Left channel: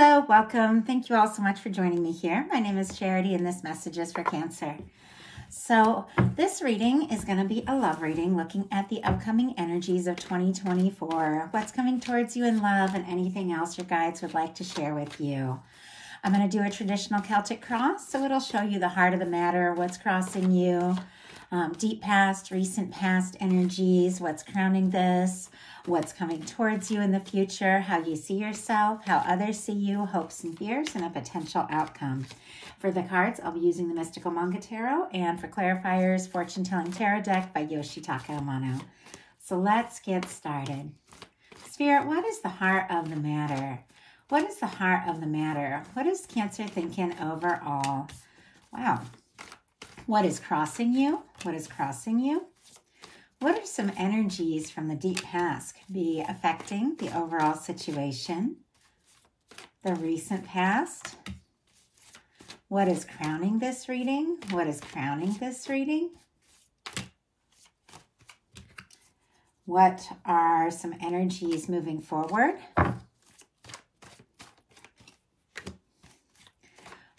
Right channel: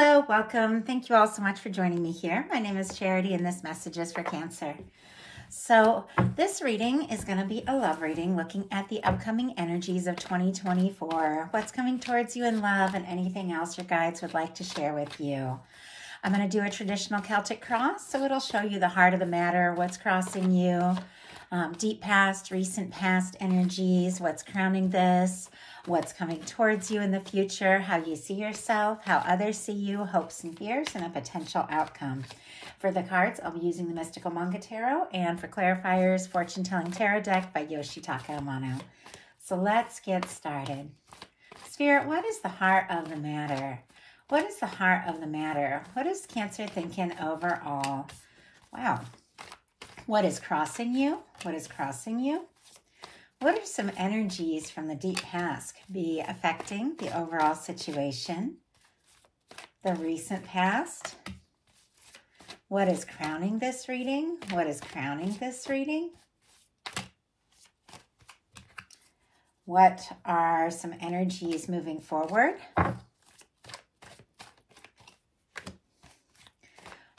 Hello, welcome. Thank you all so much for joining me here. My name is Charity and this message is for Cancer. So this reading is going to be a love reading looking at the upcoming energies of 2024, what's coming towards you in love and anything else your guides would like to share with you. I'm going to do a traditional Celtic cross, so it'll show you the heart of the matter, what's crossing you, deep past, recent past energies, what's crowning this, what's coming towards you in the future, how you see yourself, how others see you, hopes and fears, and a potential outcome. For the cards, I'll be using the Mystical Manga Tarot, and for clarifiers, Fortune Telling Tarot Deck by Yoshitaka Amano. So let's get started. Spirit, what is the heart of the matter? What is the heart of the matter? What is Cancer thinking overall? Wow. What is crossing you? What is crossing you? What are some energies from the deep past could be affecting the overall situation? The recent past. What is crowning this reading? What is crowning this reading? What are some energies moving forward?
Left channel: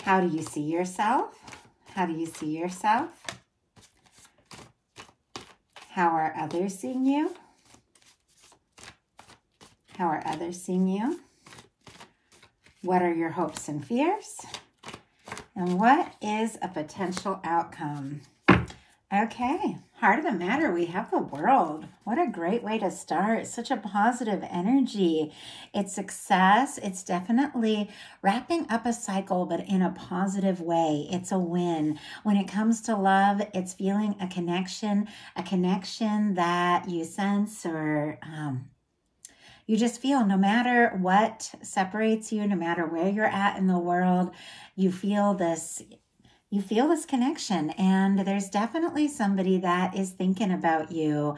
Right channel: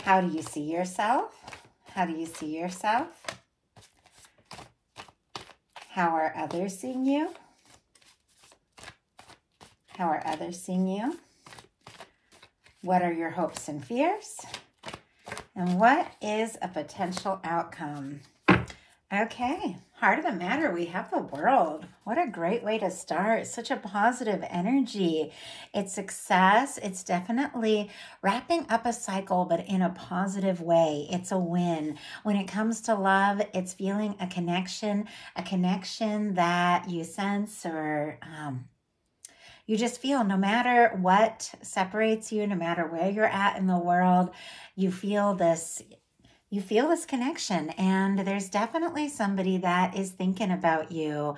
How do you see yourself? How do you see yourself? How are others seeing you? How are others seeing you? What are your hopes and fears? And what is a potential outcome? Okay, heart of the matter, we have the World. What a great way to start. Such a positive energy. It's success. It's definitely wrapping up a cycle, but in a positive way. It's a win. When it comes to love, it's feeling a connection that you sense or you just feel no matter what separates you, no matter where you're at in the world, you feel this connection, and there's definitely somebody that is thinking about you.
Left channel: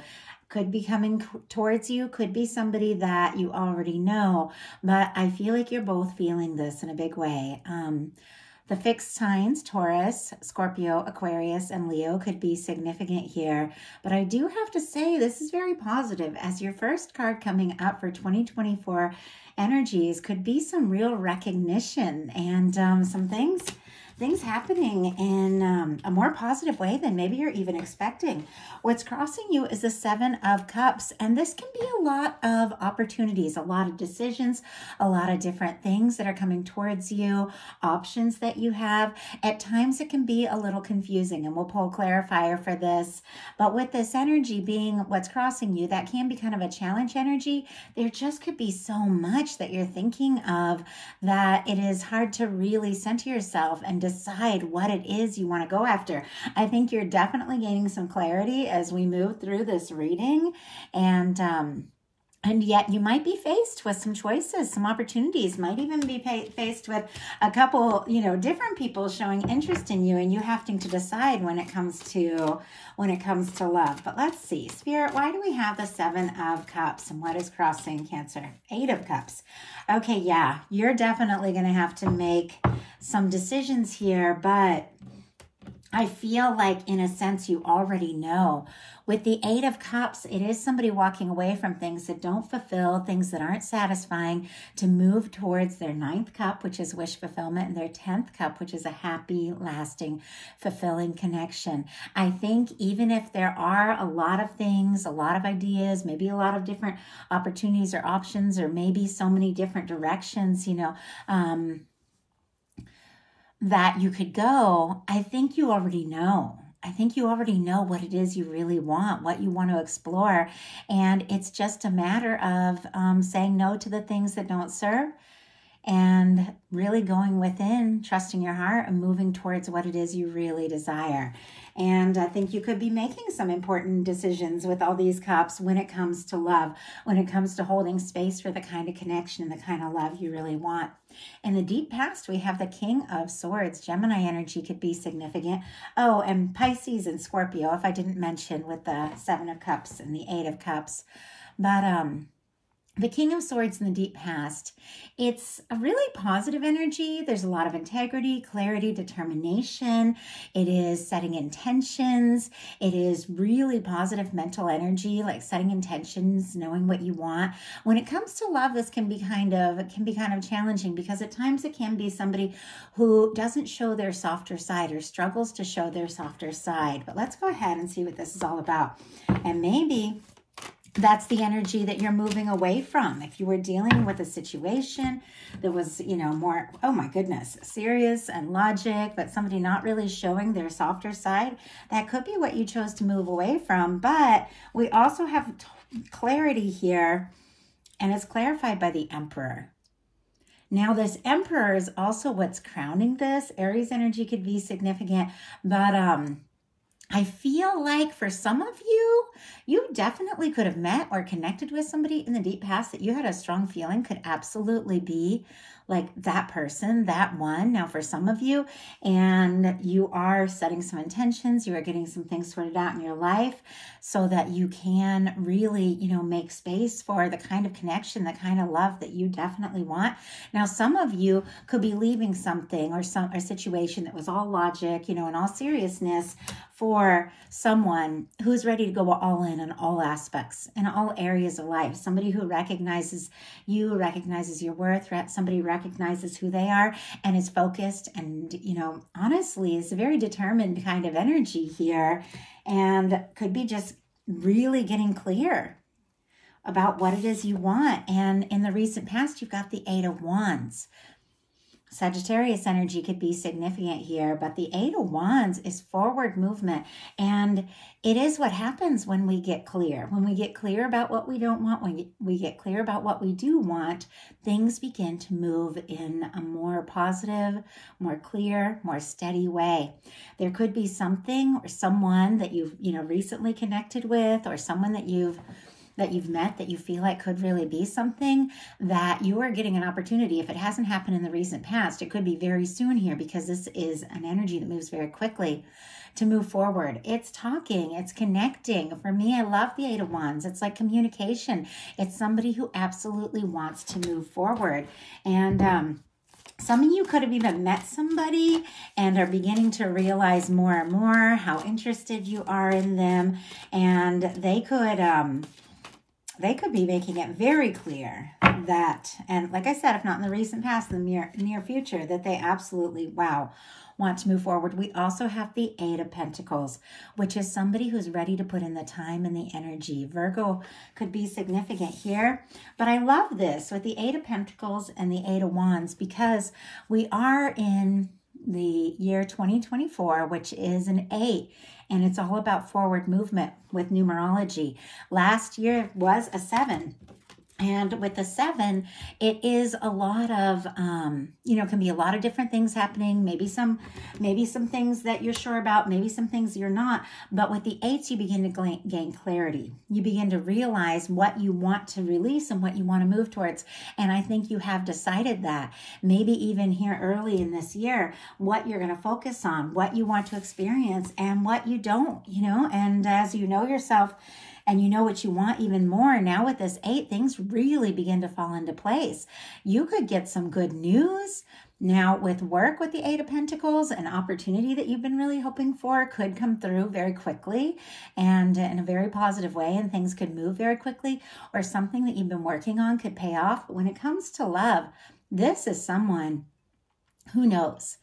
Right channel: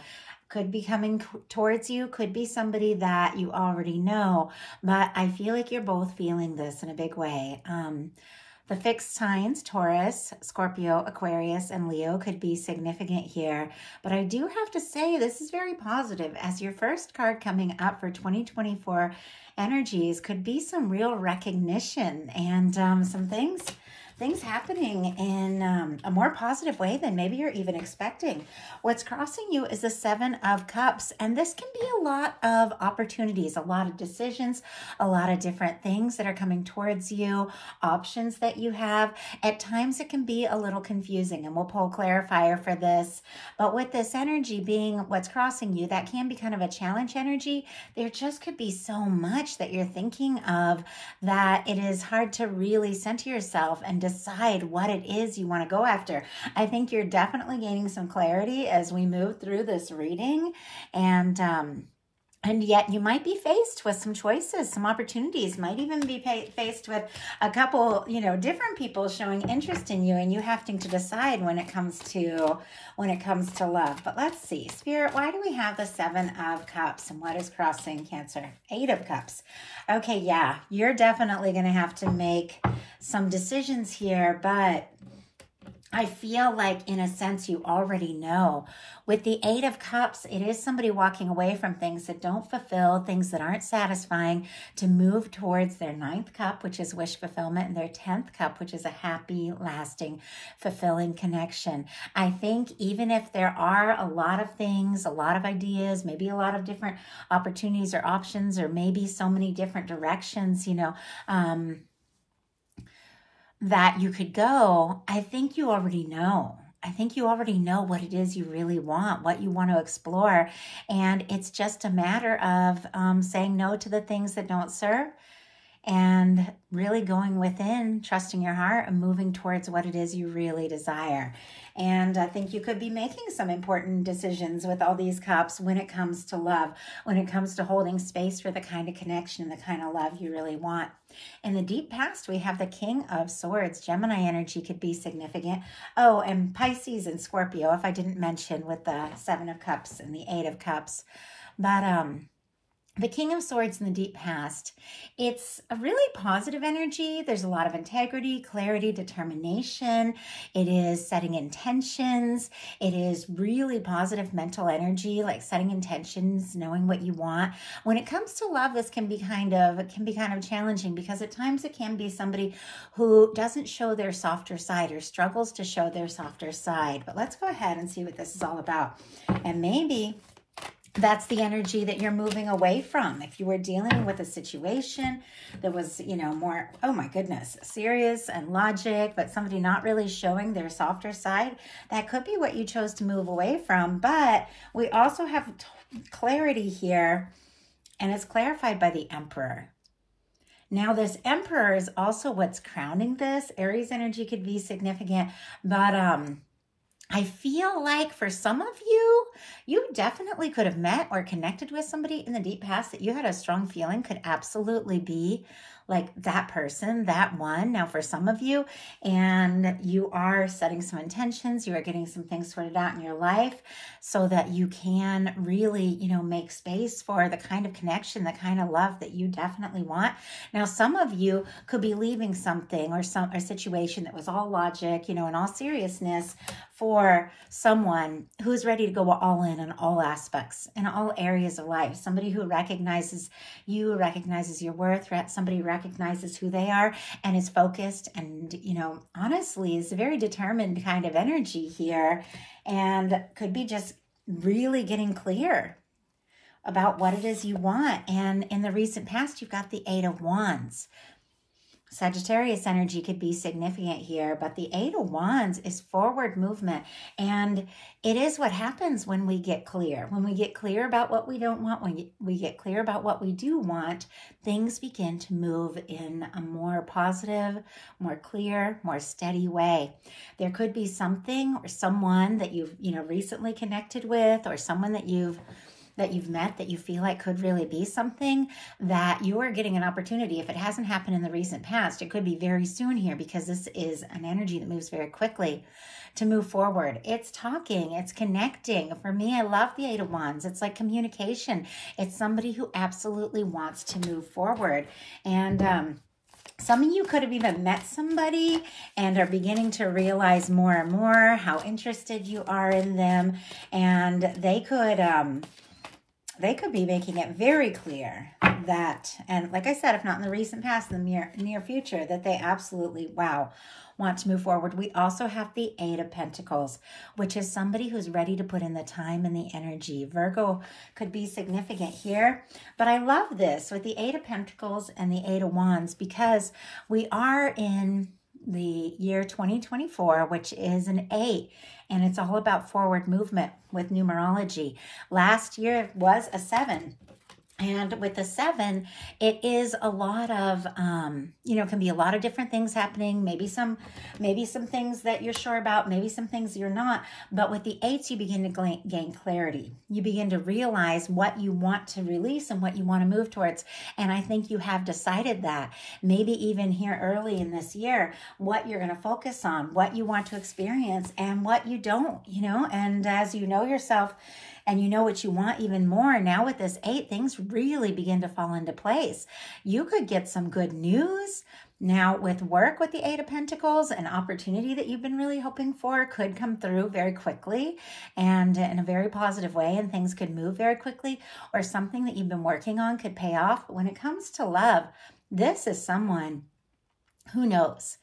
Could be coming towards you, could be somebody that you already know, but I feel like you're both feeling this in a big way. The fixed signs, Taurus, Scorpio, Aquarius, and Leo could be significant here, but I do have to say this is very positive as your first card coming up for 2024 energies could be some real recognition and some things happening in a more positive way than maybe you're even expecting. What's crossing you is the Seven of Cups, and this can be a lot of opportunities, a lot of decisions, a lot of different things that are coming towards you, options that you have. At times it can be a little confusing, and we'll pull a clarifier for this. But with this energy being what's crossing you, that can be kind of a challenge energy. There just could be so much that you're thinking of that it is hard to really center yourself and decide what it is you want to go after. I think you're definitely gaining some clarity as we move through this reading, and yet you might be faced with some choices, some opportunities, might even be faced with a couple, different people showing interest in you, and you having to decide when it comes to love. But let's see, Spirit, why do we have the Seven of Cups, and what is crossing Cancer? Eight of Cups. Okay, yeah, you're definitely going to have to make some decisions here, but I feel like in a sense you already know. With the Eight of Cups, it is somebody walking away from things that don't fulfill, things that aren't satisfying, to move towards their Ninth Cup, which is wish fulfillment, and their 10th Cup, which is a happy, lasting, fulfilling connection. I think even if there are a lot of things, a lot of ideas, maybe a lot of different opportunities or options, or maybe so many different directions, that you could go, I think you already know. I think you already know what it is you really want, what you want to explore. And it's just a matter of saying no to the things that don't serve and really going within, trusting your heart and moving towards what it is you really desire. And I think you could be making some important decisions with all these cups when it comes to love, when it comes to holding space for the kind of connection and the kind of love you really want. In the deep past, we have the King of Swords. Gemini energy could be significant. Oh, and Pisces and Scorpio, if I didn't mention, with the Seven of Cups and the Eight of Cups. But The King of Swords in the deep past, it's a really positive energy. There's a lot of integrity, clarity, determination. It is setting intentions. It is really positive mental energy, like setting intentions, knowing what you want. When it comes to love, this can be kind of challenging, because at times it can be somebody who doesn't show their softer side or struggles to show their softer side. But let's go ahead and see what this is all about. And maybe that's the energy that you're moving away from. If you were dealing with a situation that was, you know, more, oh my goodness, serious and logic, but somebody not really showing their softer side, that could be what you chose to move away from. But we also have clarity here, and it's clarified by the Emperor. Now, this Emperor is also what's crowning this. Aries energy could be significant, but I feel like for some of you, you definitely could have met or connected with somebody in the deep past that you had a strong feeling could absolutely be like that person, that one. Now, for some of you, and you are setting some intentions, you are getting some things sorted out in your life so that you can really, you know, make space for the kind of connection, the kind of love that you definitely want. Now, some of you could be leaving something or a situation that was all logic, you know, in all seriousness, for someone who's ready to go all in all aspects, in all areas of life. Somebody who recognizes you, recognizes your worth, somebody recognizes who they are and is focused and, you know, honestly is a very determined kind of energy here, and could be just really getting clear about what it is you want. And in the recent past, you've got the Eight of Wands. Sagittarius energy could be significant here, but the Eight of Wands is forward movement. And it is what happens when we get clear. When we get clear about what we don't want, when we get clear about what we do want, things begin to move in a more positive, more clear, more steady way. There could be something or someone that you've, you know, recently connected with, or someone that you've met that you feel like could really be something that you are getting an opportunity. If it hasn't happened in the recent past, it could be very soon here, because this is an energy that moves very quickly to move forward. It's talking, it's connecting. For me, I love the Eight of Wands. It's like communication. It's somebody who absolutely wants to move forward. And some of you could have even met somebody and are beginning to realize more and more how interested you are in them. And they could be making it very clear that, and like I said, if not in the recent past, in the near future, that they absolutely, wow, want to move forward. We also have the Eight of Pentacles, which is somebody who's ready to put in the time and the energy. Virgo could be significant here, but I love this with the Eight of Pentacles and the Eight of Wands, because we are in the year 2024, which is an 8, and it's all about forward movement with numerology. Last year was a 7. And with the 7, it is a lot of, you know, can be a lot of different things happening. Maybe some things that you're sure about, maybe some things you're not. But with the 8s, you begin to gain clarity. You begin to realize what you want to release and what you want to move towards. And I think you have decided that. Maybe even here early in this year, what you're going to focus on, what you want to experience, and what you don't, you know. And as you know yourself, and you know what you want even more, now with this 8, things really begin to fall into place. You could get some good news. Now with work, with the 8 of Pentacles, an opportunity that you've been really hoping for could come through very quickly and in a very positive way, and things could move very quickly, or something that you've been working on could pay off. But when it comes to love, this is someone who knows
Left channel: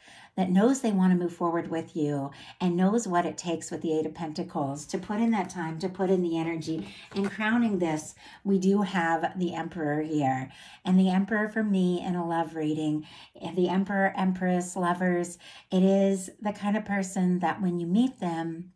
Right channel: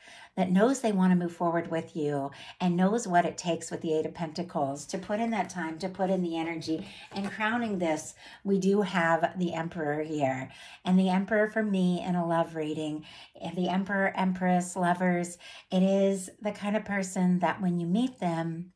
they want to move forward with you, and knows what it takes with the 8 of Pentacles to put in that time, to put in the energy. And crowning this, we do have the Emperor here. And the Emperor, for me, in a love reading, and the Emperor, Empress, lovers, it is the kind of person that when you meet them,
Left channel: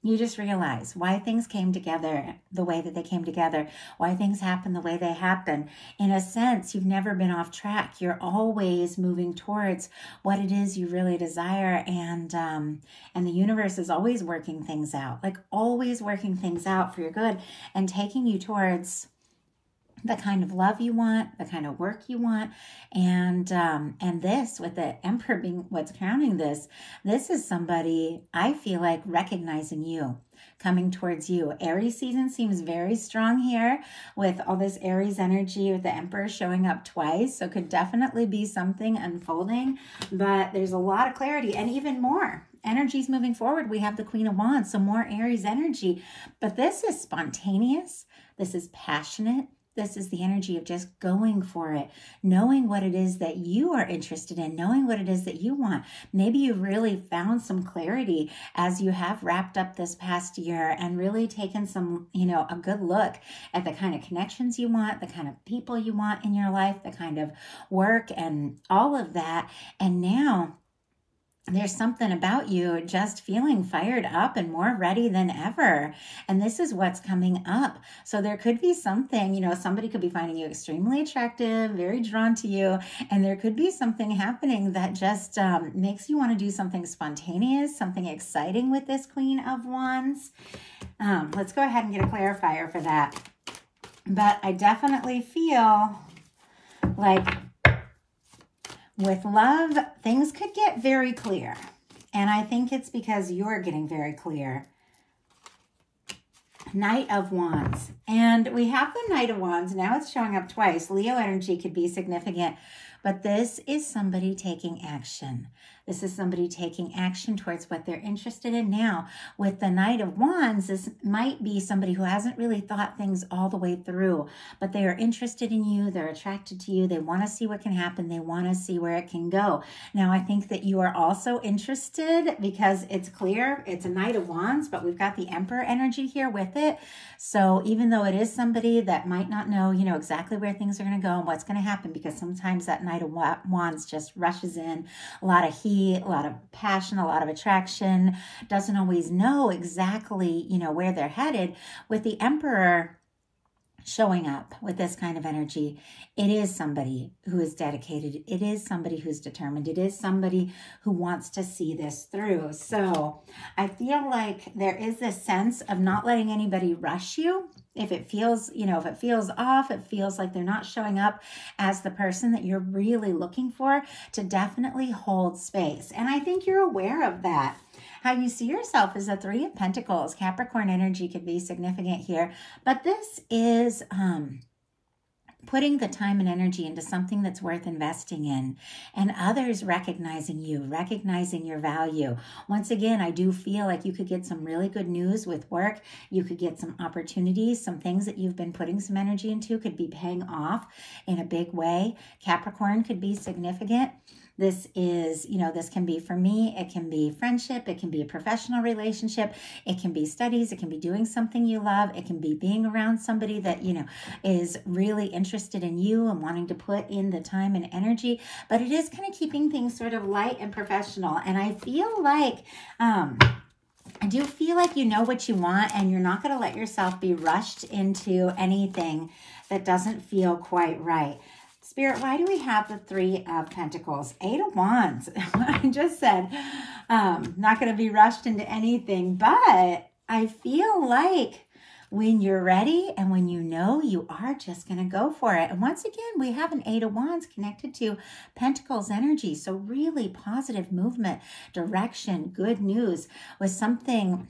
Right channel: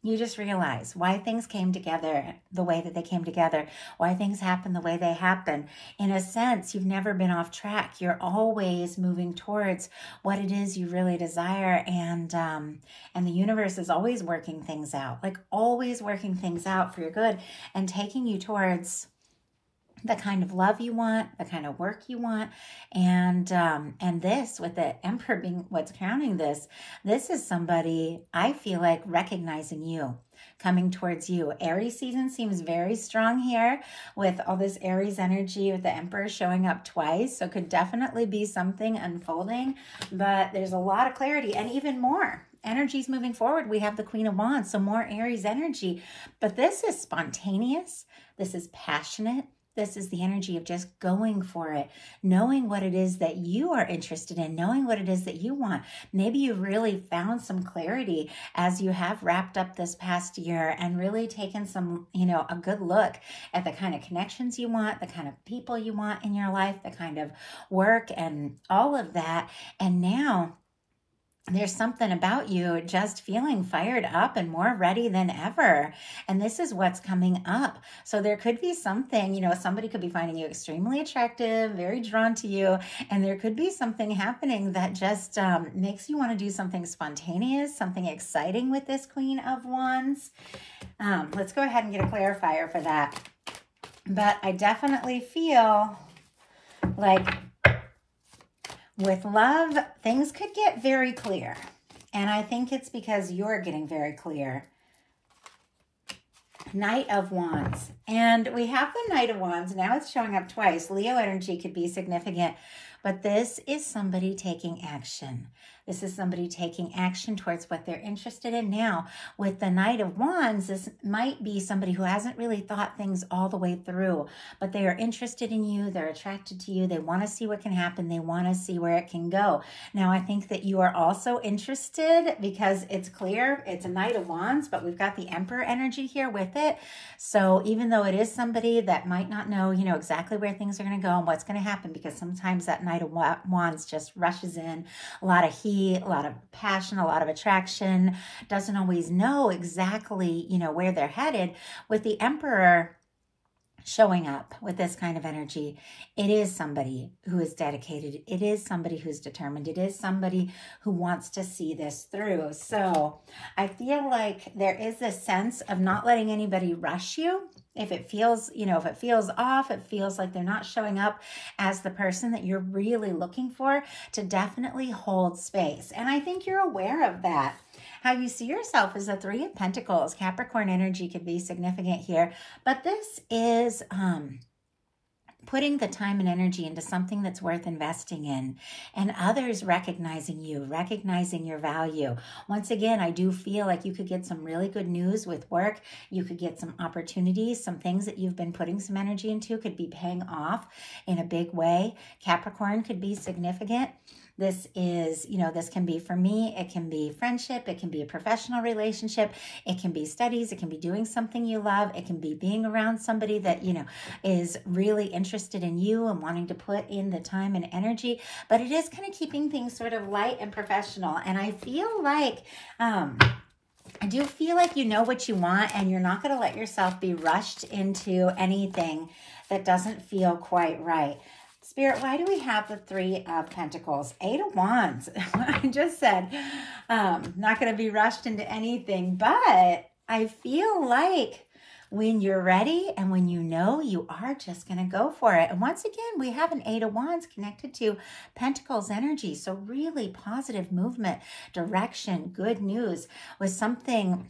you just realize why things came together the way that they came together, why things happen the way they happen. In a sense, you've never been off track. You're always moving towards what it is you really desire, and the universe is always working things out, like always working things out for your good and taking you towards the kind of love you want, the kind of work you want. And this, with the Emperor being what's crowning this is somebody, I feel like, recognizing you. coming towards you. Aries season seems very strong here with all this Aries energy with the Emperor showing up twice. So could definitely be something unfolding, but there's a lot of clarity and even more. Energies moving forward. We have the Queen of Wands, so more Aries energy, but this is spontaneous. This is passionate. This is the energy of just going for it, knowing what it is that you are interested in, knowing what it is that you want. Maybe you really found some clarity as you have wrapped up this past year and really taken some, a good look at the kind of connections you want, the kind of people you want in your life, the kind of work and all of that. And now there's something about you just feeling fired up and more ready than ever. And this is what's coming up. So there could be something, somebody could be finding you extremely attractive, very drawn to you. And there could be something happening that just makes you want to do something spontaneous, something exciting with this Queen of Wands. Let's go ahead and get a clarifier for that. But I definitely feel like with love, things could get very clear. And I think it's because you're getting very clear. Knight of Wands. And we have the Knight of Wands. Now it's showing up twice. Leo energy could be significant. But this is somebody taking action. This is somebody taking action towards what they're interested in. Now, with the Knight of Wands, this might be somebody who hasn't really thought things all the way through, but they are interested in you. They're attracted to you. They want to see what can happen. They want to see where it can go. Now, I think that you are also interested because it's clear. It's a Knight of Wands, but we've got the Emperor energy here with it. So even though it is somebody that might not know, exactly where things are going to go and what's going to happen, because sometimes that Knight of Wands just rushes in, a lot of heat, a lot of passion, a lot of attraction, doesn't always know exactly, where they're headed. With the Emperor showing up with this kind of energy, it is somebody who is dedicated. It is somebody who's determined. It is somebody who wants to see this through. So I feel like there is this sense of not letting anybody rush you. If it feels, if it feels off, it feels like they're not showing up as the person that you're really looking for, to definitely hold space. And I think you're aware of that. How you see yourself is a Three of Pentacles. Capricorn energy could be significant here, but this is putting the time and energy into something that's worth investing in, and others recognizing you, recognizing your value. Once again, I do feel like you could get some really good news with work. You could get some opportunities, some things that you've been putting some energy into could be paying off in a big way. Capricorn could be significant. This is, this can be for me, it can be friendship, it can be a professional relationship, it can be studies, it can be doing something you love, it can be being around somebody that, is really interested in you and wanting to put in the time and energy, but it is kind of keeping things sort of light and professional. And I feel like, I do feel like you know what you want and you're not going to let yourself be rushed into anything that doesn't feel quite right. Spirit, why do we have the Three of Pentacles? Eight of Wands. I just said, not going to be rushed into anything, but I feel like when you're ready and when you know, you are just going to go for it. And once again, we have an Eight of Wands connected to Pentacles energy. So really positive movement, direction, good news with something,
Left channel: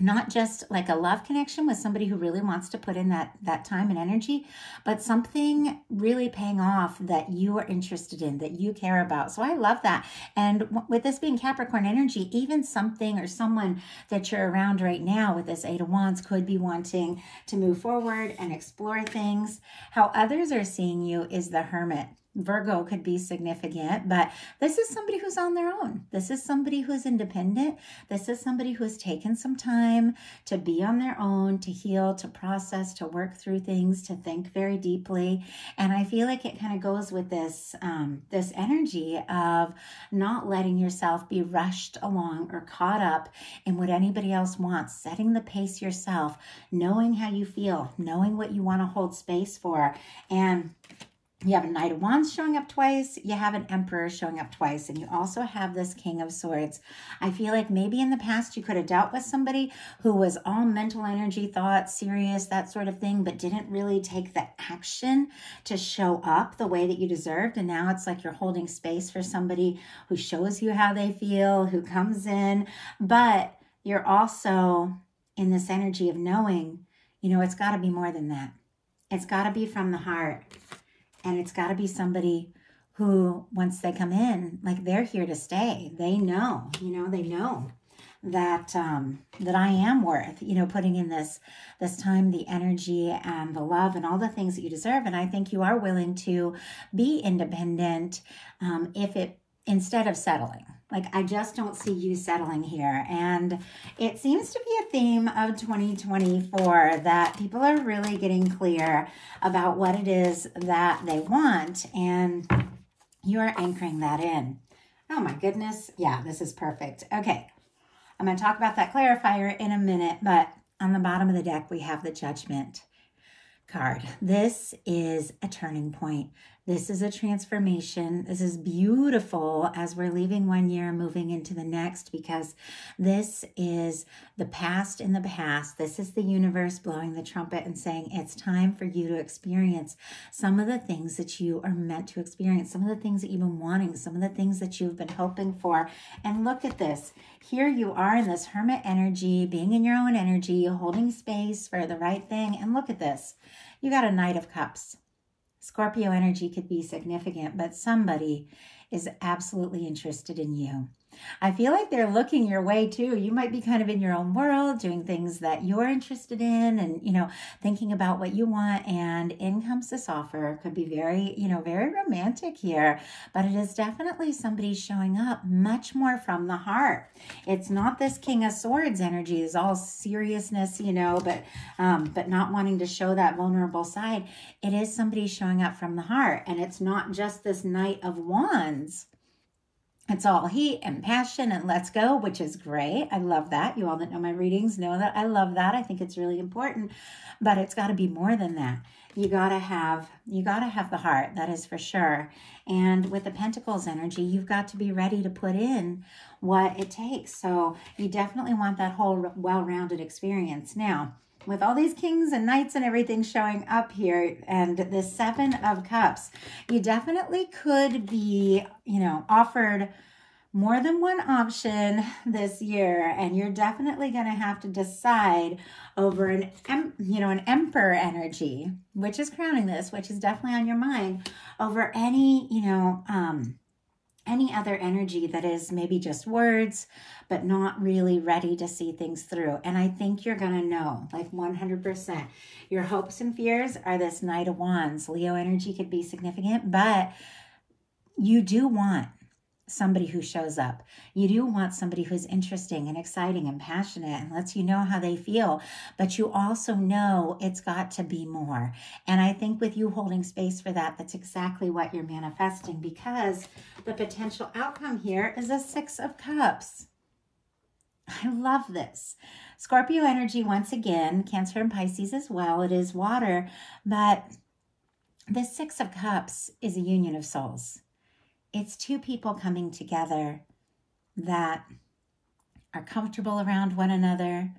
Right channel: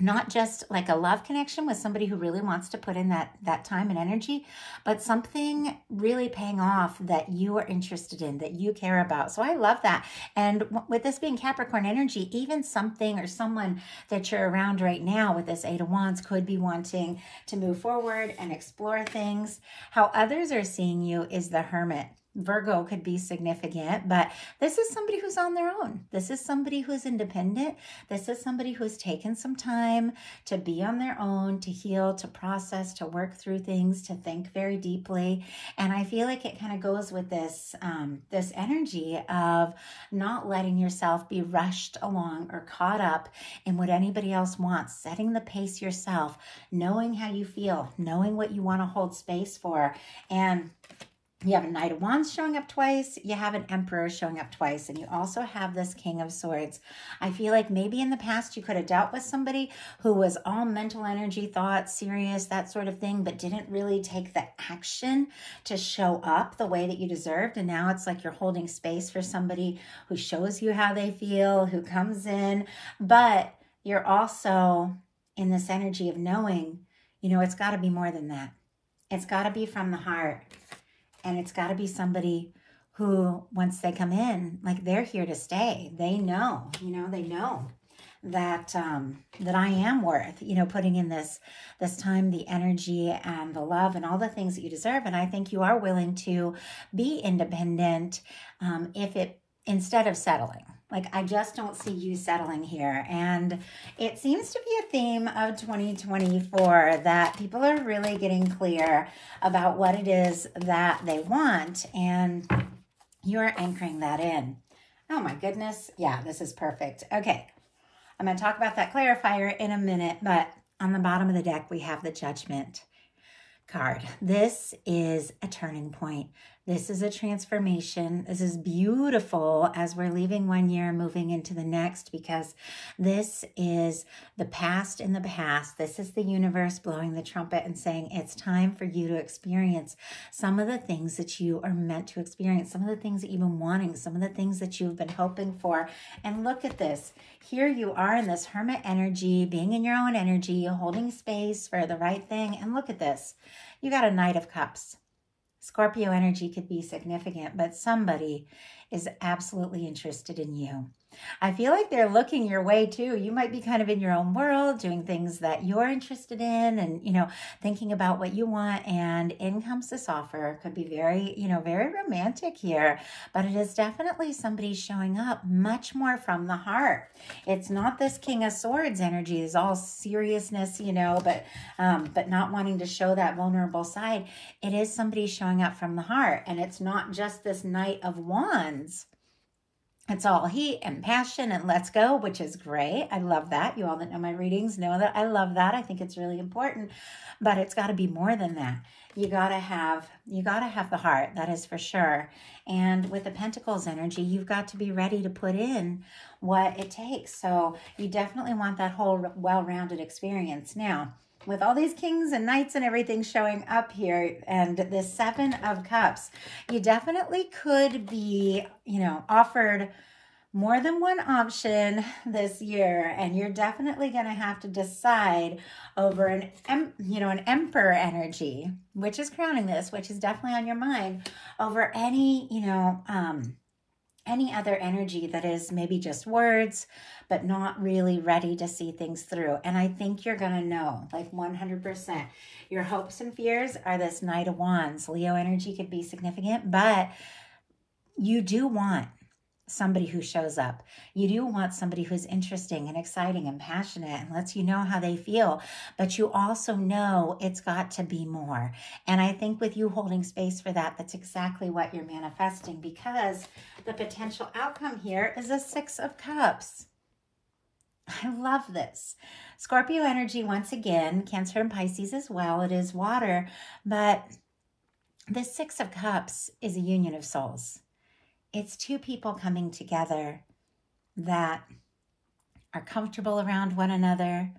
not just like a love connection with somebody who really wants to put in that time and energy, but something really paying off that you are interested in, that you care about. So I love that. And with this being Capricorn energy, even something or someone that you're around right now with this Eight of Wands could be wanting to move forward and explore things. How others are seeing you is the Hermit. Virgo could be significant, but this is somebody who's on their own. This is somebody who's independent. This is somebody who's taken some time to be on their own, to heal, to process, to work through things, to think very deeply. And I feel like it kind of goes with this, this energy of not letting yourself be rushed along or caught up in what anybody else wants, setting the pace yourself, knowing how you feel, knowing what you want to hold space for. And you have a Knight of Wands showing up twice. You have an Emperor showing up twice. And you also have this King of Swords. I feel like maybe in the past you could have dealt with somebody who was all mental energy, thoughts, serious, that sort of thing, but didn't really take the action to show up the way that you deserved. And now it's like you're holding space for somebody who shows you how they feel, who comes in. But you're also in this energy of knowing, you know, it's got to be more than that. It's got to be from the heart. And it's got to be somebody who, once they come in, like they're here to stay. They know, you know, they know that that I am worth, you know, putting in this time, the energy and the love and all the things that you deserve. And I think you are willing to be independent instead of settling. Like, I just don't see you settling here. And it seems to be a theme of 2024 that people are really getting clear about what it is that they want. And you're anchoring that in. Oh my goodness. Yeah, this is perfect. Okay. I'm going to talk about that clarifier in a minute, but on the bottom of the deck, we have the Judgment card. This is a turning point. This is a transformation. This is beautiful as we're leaving one year, moving into the next, because this is the past in the past. This is the universe blowing the trumpet and saying it's time for you to experience some of the things that you are meant to experience, some of the things that you've been wanting, some of the things that you've been hoping for. And look at this. Here you are in this hermit energy, being in your own energy, holding space for the right thing. And look at this. You got a Knight of Cups. Scorpio energy could be significant, but somebody is absolutely interested in you. I feel like they're looking your way too. You might be kind of in your own world, doing things that you're interested in and, you know, thinking about what you want. And in comes this offer. Could be very, you know, very romantic here, but it is definitely somebody showing up much more from the heart. It's not this King of Swords energy. It's all seriousness, you know, but not wanting to show that vulnerable side. It is somebody showing up from the heart. And it's not just this Knight of Wands. It's all heat and passion and let's go, which is great. I love that. You all that know my readings know that I love that. I think it's really important, but it's got to be more than that. You got to have the heart. That is for sure. And with the Pentacles energy, you've got to be ready to put in what it takes. So you definitely want that whole well-rounded experience. Now, with all these kings and knights and everything showing up here and the Seven of Cups, you definitely could be, you know, offered more than one option this year. And you're definitely going to have to decide over an Emperor energy, which is crowning this, which is definitely on your mind, over any, you know, any other energy that is maybe just words, but not really ready to see things through. And I think you're going to know, like 100%. Your hopes and fears are this Knight of Wands. Leo energy could be significant, but you do want somebody who shows up. You do want somebody who's interesting and exciting and passionate and lets you know how they feel, but you also know it's got to be more. And I think with you holding space for that, that's exactly what you're manifesting, because the potential outcome here is a Six of Cups. I love this. Scorpio energy, once again, Cancer and Pisces as well. It is water, but the Six of Cups is a union of souls. It's two people coming together that are comfortable around one another,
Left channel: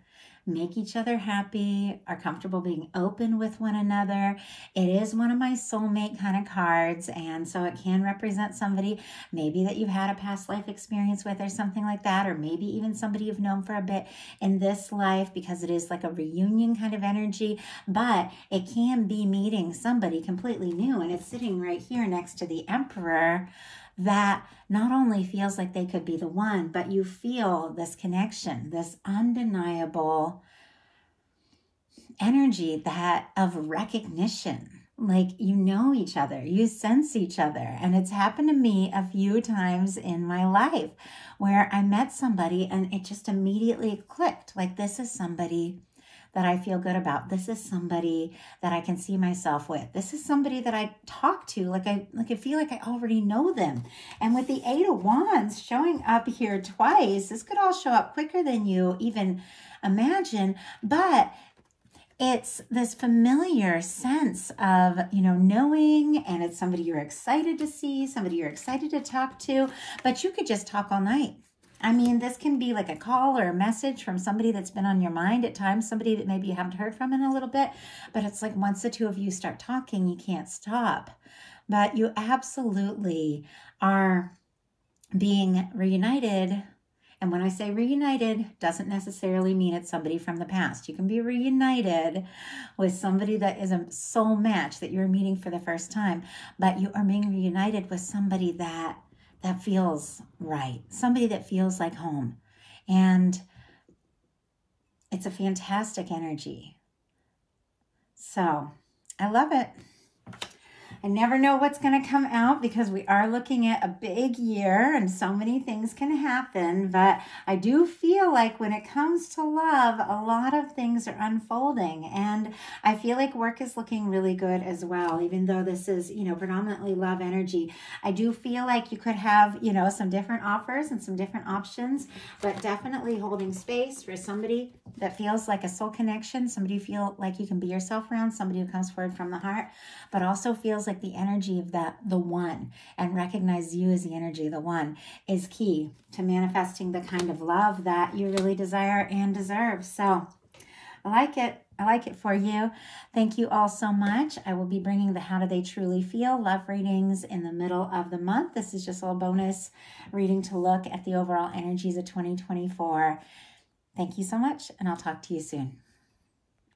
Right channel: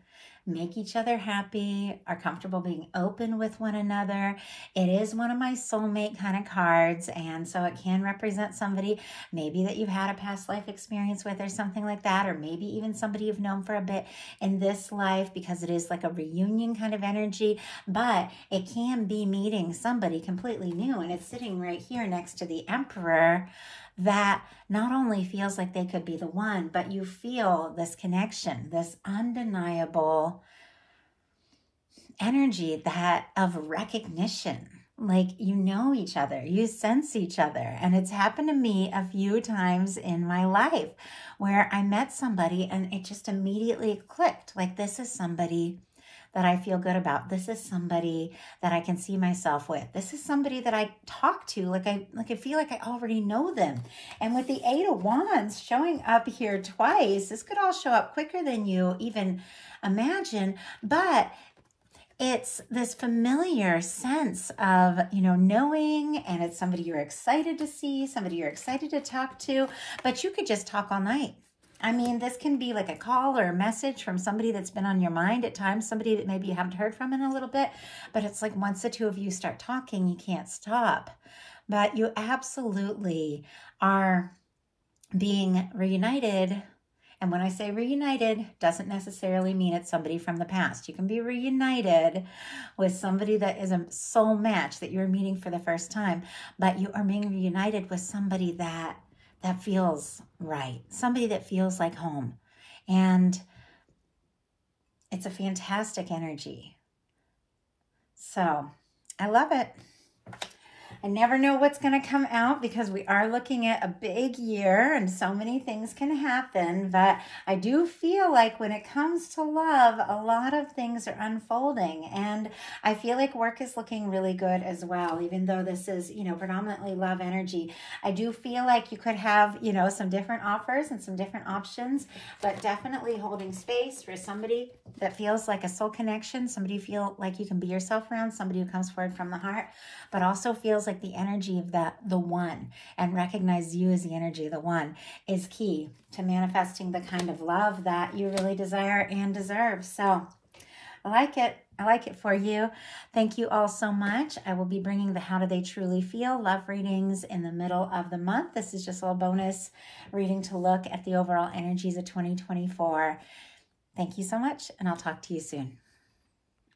make each other happy, are comfortable being open with one another. It is one of my soulmate kind of cards, and so it can represent somebody maybe that you've had a past life experience with or something like that, or maybe even somebody you've known for a bit in this life, because it is like a reunion kind of energy. But it can be meeting somebody completely new, and it's sitting right here next to the Emperor, that not only feels like they could be the one, but you feel this connection, this undeniable energy that of recognition. Like, you know each other, you sense each other. And it's happened to me a few times in my life where I met somebody and it just immediately clicked. Like, this is somebody that I feel good about. This is somebody that I can see myself with. This is somebody that I talk to, like I feel like I already know them. And with the Eight of Wands showing up here twice, this could all show up quicker than you even imagine, but it's this familiar sense of, you know, knowing, and it's somebody you're excited to see, somebody you're excited to talk to, but you could just talk all night. I mean, this can be like a call or a message from somebody that's been on your mind at times, somebody that maybe you haven't heard from in a little bit, but it's like once the two of you start talking, you can't stop. But you absolutely are being reunited And when I say reunited, doesn't necessarily mean it's somebody from the past. You can be reunited with somebody that is a soul match that you're meeting for the first time, but you are being reunited with somebody that feels right, somebody that feels like home. And it's a fantastic energy. So I love it. I never know what's going to come out because we are looking at a big year and so many things can happen. But I do feel like when it comes to love, a lot of things are unfolding. And I feel like work is looking really good as well, even though this is, you know, predominantly love energy. I do feel like you could have, you know, some different offers and some different options, but definitely holding space for somebody that feels like a soul connection, somebody you feel like you can be yourself around, somebody who comes forward from the heart, but also feels like the energy of the one, and recognize you as the energy of the one is key to manifesting the kind of love that you really desire and deserve. So I like it. I like it for you. Thank you all so much. I will be bringing the How Do They Truly Feel love readings in the middle of the month. This is just a little bonus reading to look at the overall energies of 2024. Thank you so much, and I'll talk to you soon.